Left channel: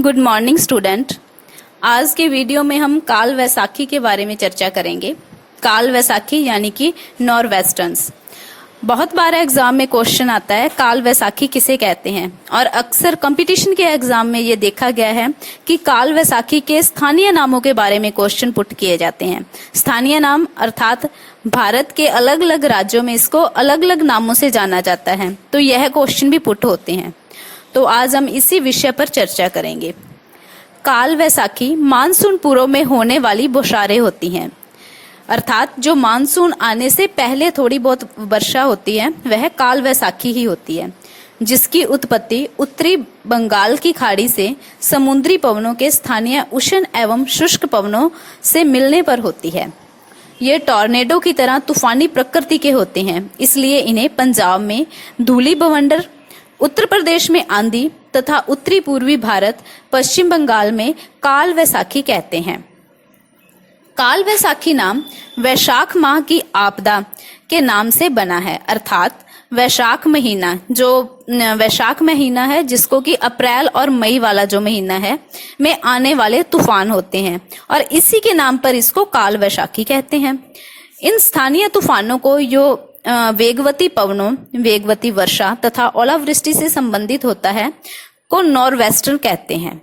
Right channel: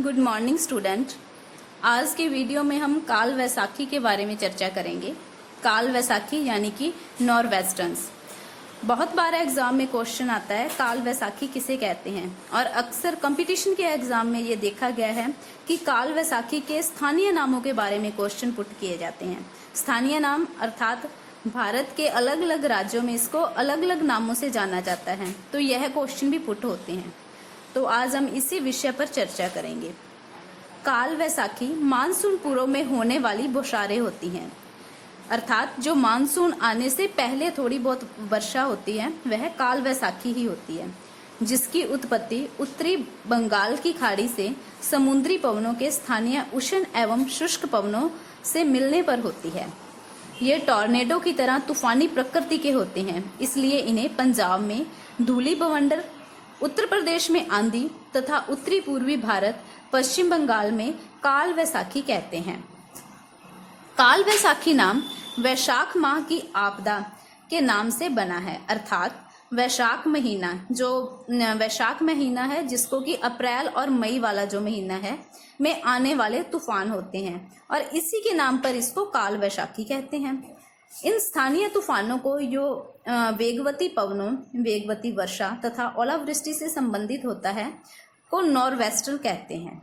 Good morning student. आज के video में हम काल वैसाखी के बारे में चर्चा करेंगे। काल वैसाखी यानी कि नॉरवेस्टर्न्स। बहुत बार एग्जाम में क्वेश्चन आता है काल वैसाखी किसे कहते हैं, और अक्सर कंपटीशन के एग्जाम में ये देखा गया है कि काल वैसाखी के स्थानीय नामों के बारे में क्वेश्चन पुट किए जाते हैं। स्थानीय नाम अर्थात भारत के अलग अलग राज्यों में इसको अलग अलग नामों से जाना जाता है, तो यह क्वेश्चन भी पुट होते हैं। तो आज हम इसी विषय पर चर्चा करेंगे। काल वैसाखी मानसून पूर्व में होने वाली बौछारें होती हैं, अर्थात जो मानसून आने से पहले थोड़ी बहुत वर्षा होती है वह काल वैसाखी ही होती है, जिसकी उत्पत्ति उत्तरी बंगाल की खाड़ी से समुद्री पवनों के स्थानीय उष्ण एवं शुष्क पवनों से मिलने पर होती है। ये टॉर्नेडो की तरह तूफानी प्रकृति के होते हैं, इसलिए इन्हें पंजाब में धूली बवंडर, उत्तर प्रदेश में आंधी तथा उत्तरी पूर्वी भारत पश्चिम बंगाल में काल वैसाखी कहते हैं। काल वैसाखी नाम वैशाख माह की आपदा के नाम से बना है, अर्थात वैशाख महीना, जो वैशाख महीना है जिसको कि अप्रैल और मई वाला जो महीना है में आने वाले तूफान होते हैं, और इसी के नाम पर इसको काल वैसाखी कहते हैं। इन स्थानीय तूफानों को जो वेगवती पवनों, वेगवती वर्षा तथा ओलावृष्टि से संबंधित होता है को नॉरवेस्टर कहते हैं।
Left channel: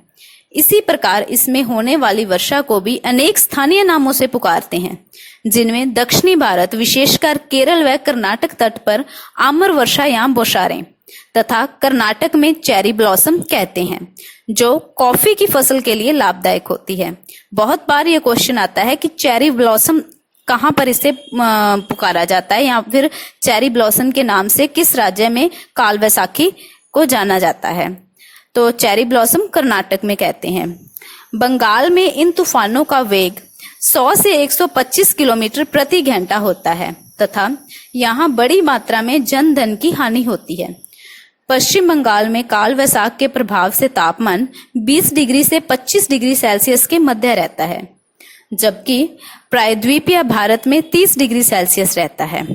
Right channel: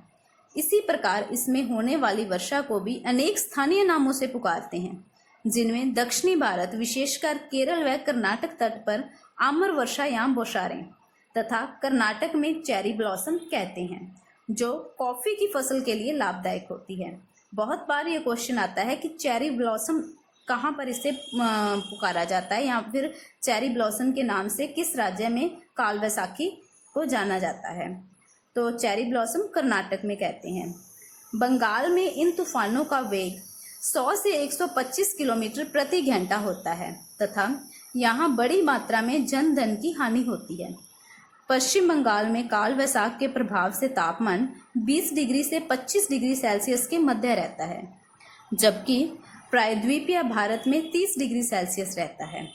इसी प्रकार इसमें होने वाली वर्षा को भी अनेक स्थानीय नामों से पुकारते हैं, जिनमें दक्षिणी भारत विशेषकर केरल व कर्नाटक तट पर आम्र वर्षा या बौछारें तथा कर्नाटक में चेरी ब्लॉसम कहते हैं, जो कॉफी की फसल के लिए लाभदायक होती है। बहुत बार ये क्वेश्चन आता है कि चेरी ब्लॉसम कहाँ पर इसे पुकारा जाता है, या फिर चेरी ब्लॉसम के नाम से किस राज्य में काल वैसाखी को जाना जाता है। तो चेरी ब्लॉसम कर्नाटक में कहते हैं। बंगाल में इन तूफानों का वेग 100 से 125 किलोमीटर प्रति घंटा होता है तथा यहाँ बड़ी मात्रा में जन धन की हानि होती है। पश्चिम बंगाल में काल वैसाख के प्रभाव से तापमान 20 डिग्री से 25 डिग्री सेल्सियस के मध्य रहता है, जबकि प्रायद्वीपीय भारत में 30 डिग्री सेल्सियस रहता है।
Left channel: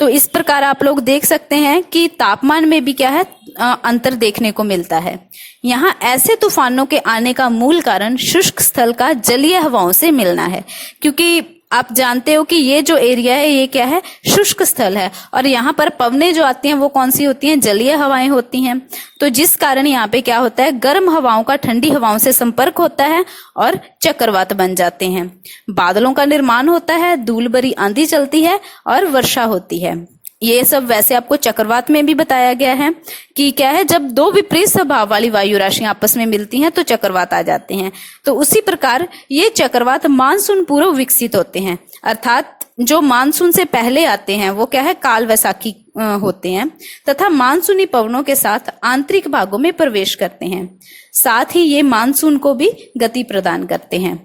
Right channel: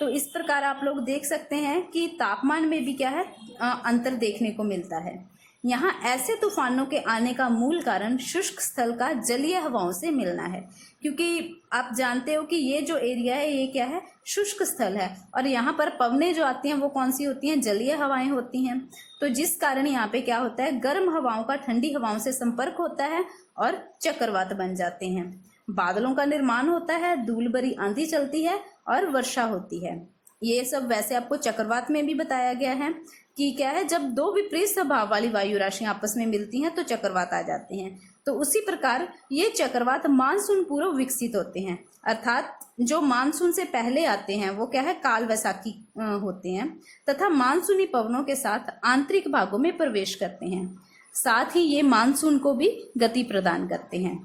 तो इस प्रकार आप लोग देख सकते हैं कि तापमान में भी क्या है, अंतर देखने को मिलता है। यहाँ ऐसे तूफानों के आने का मूल कारण शुष्क स्थल का जलीय हवाओं से मिलना है, क्योंकि आप जानते हो कि ये जो एरिया है ये क्या है, शुष्क स्थल है, और यहाँ पर पवनें जो आती हैं वो कौन सी होती हैं, जलीय हवाएं होती हैं। तो जिस कारण यहाँ पे क्या होता है, गर्म हवाओं का ठंडी हवाओं से संपर्क होता है और चक्रवात बन जाते हैं। बादलों का निर्माण होता है, धूल भरी आंधी चलती है और वर्षा होती है। ये सब वैसे आपको चक्रवात में भी बताया गया है कि क्या है, जब दो विपरीत स्वभाव वाली वायु राशियां आपस में मिलती हैं तो चक्रवात आ जाते हैं। तो उसी प्रकार ये चक्रवात मानसून पूर्व विकसित होते हैं, अर्थात जो मानसून से पहले आते हैं वो क्या है, काल वैसाखी होते हैं तथा मानसूनी पवनों के साथ आंतरिक भागों में प्रवेश करते हैं। साथ ही ये मानसून को भी गति प्रदान करते हैं।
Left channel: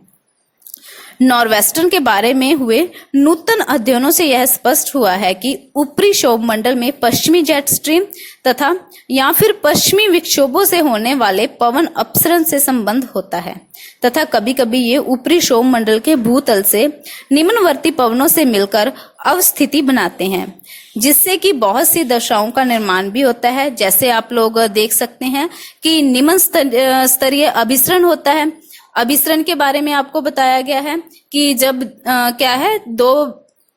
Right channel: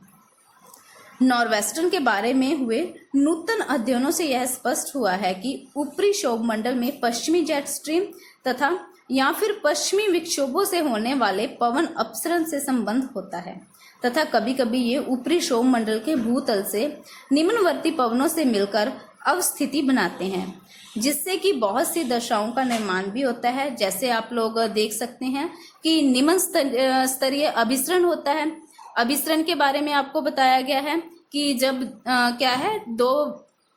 नॉरवेस्टर्न के बारे में हुए नूतन अध्ययनों से यह स्पष्ट हुआ है कि ऊपरी क्षोभ मंडल में पश्चिमी जेट स्ट्रीम तथा या फिर पश्चिमी विक्षोभों से होने वाले पवन अपसरण से संबंध होता है, तथा कभी कभी ये ऊपरी क्षोभ मंडल के भूतल से निम्नवर्ती पवनों से मिलकर अवस्थिति बनाते हैं, जिससे कि बहुत सी दशाओं का निर्माण भी होता है। जैसे आप लोग देख सकते हैं कि निम्न स्तरीय अभिसरण होता है। अभिसरण के बारे में आपको बताया गया है कि जब क्या है, दो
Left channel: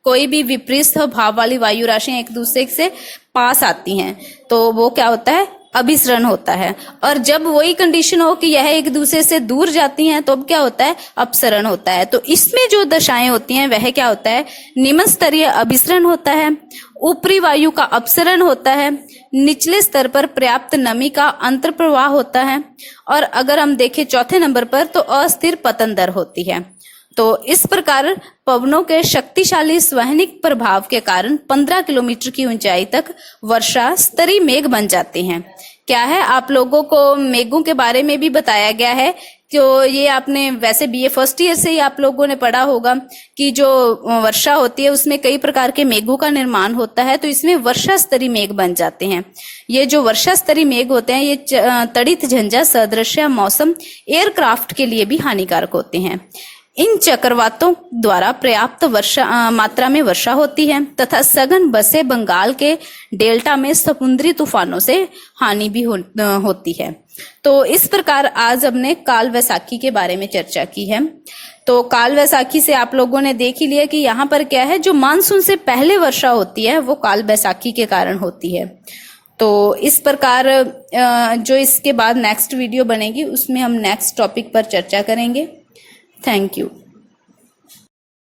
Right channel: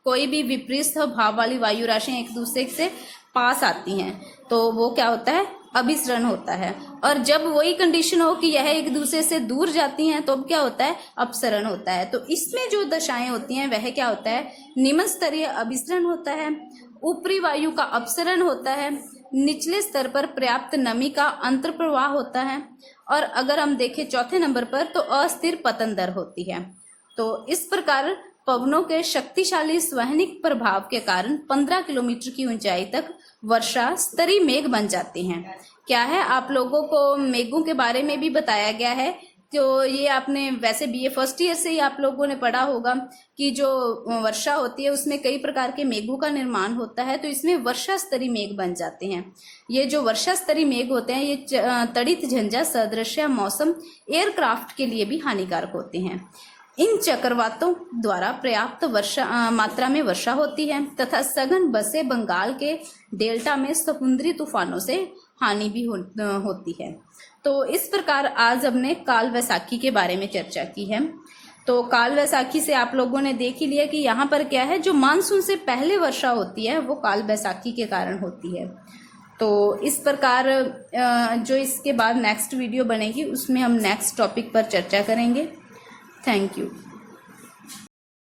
कोई भी विपरीत स्वभाव वाली वायु राशियां एक दूसरे से पास आती हैं तो वो क्या होता है, अभिसरण होता है। और जब वही कंडीशन हो कि यह एक दूसरे से दूर जाती हैं तो अब क्या होता है, अपसरण होता है। तो इसमें जो दशाएं होती हैं वह क्या होता है, निम्न स्तरीय अभिसरण होता है, ऊपरी वायु का अपसरण होता है, निचले स्तर पर पर्याप्त नमी का अंतर प्रवाह होता है, और अगर हम देखें चौथे नंबर पर तो अस्थिर पतन दर होती है। तो इस प्रकार पवनों के शक्तिशाली स्वहनिक प्रभाव के कारण 15 किलोमीटर की ऊंचाई तक वर्षा स्तरीय मेघ बन जाते हैं। क्या है, आप लोगों को मेघों के बारे में भी बताया गया है, तो ये आपने वैसे बीए फर्स्ट ईयर से ही आप लोगों ने पढ़ा होगा कि जो वर्षा होती है उसमें कई प्रकार के मेघों का निर्माण होता है, तो इसमें वर्षा स्तरीय मेघ बन जाते हैं। ये जो वर्षा स्तरीय मेघ होते हैं ये तड़ित झंझा सदृश मौसम एयरक्राफ्ट के लिए भी हानिकारक होते हैं। इन चक्रवातों द्वारा पर्याप्त मात्रा में वर्षा होती है तथा सघन बसे बंगाल के डेल्टा में समुद्री तूफानों से हानि भी होती है। तो इस प्रकार आज हमने काल वैसाखी के बारे में चर्चा की है। तो काल वैसाखी से आप लोगों ने देख ही लिया कि यहाँ पर क्या है, जो मानसून से पहले वर्षा होती है वो काल वैसाखी के कारण होती है। तो इस प्रकार जो इसके बाद नेक्स्ट वीडियो बनेगी उसमें हम नेक्स्ट टॉपिक पर चर्चा करेंगे। Thank you.